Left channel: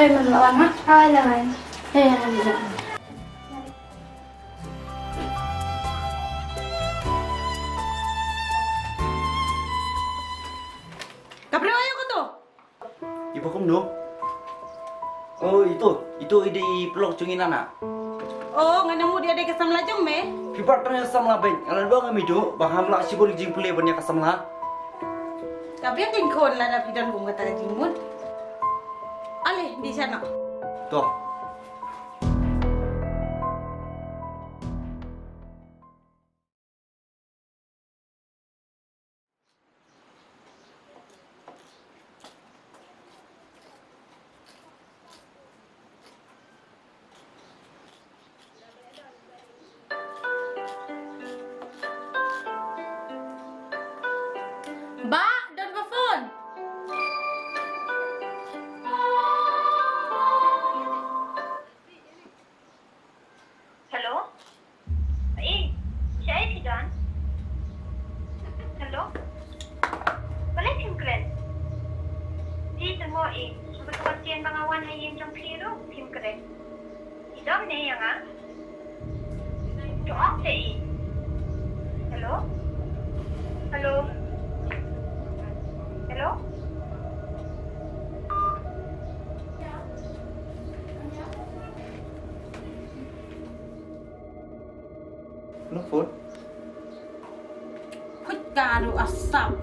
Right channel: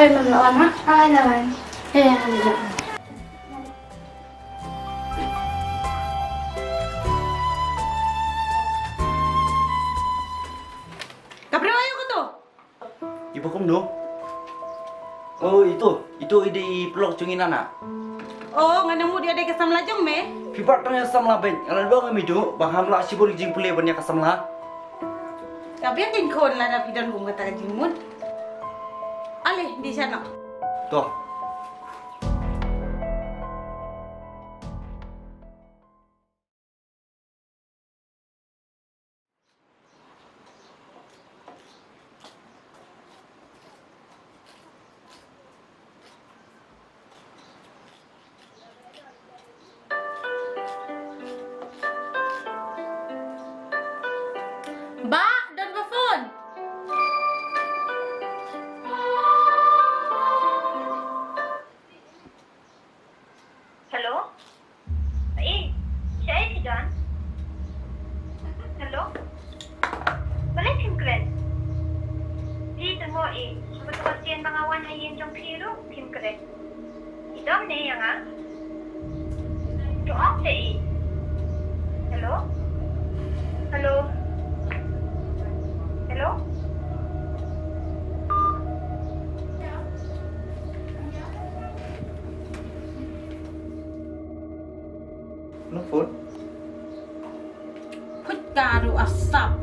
Maglawan ha? Lawan. Halika. Kapriwayo ko to. Ibu kamu do? Oh itu ide pelok cungin anak. Oh, nga namo dia ada kasam lajong me. Pipat tanya samla ben. Alan bang kami do, baham la sibol jing pule banyak kasamla. Kabri ang kon la na pidan kung kata jingmud. Ale di sana. Tuh. Ba, don ba phone? Hello? Siya ay si John? Hello? Balik yung kren? Dito mo Betul siyan bangawan hayin jong piro, Kim kren. Idom ne yang Doak te Hello? Hello? Hello? Lo phone. Put karo asam.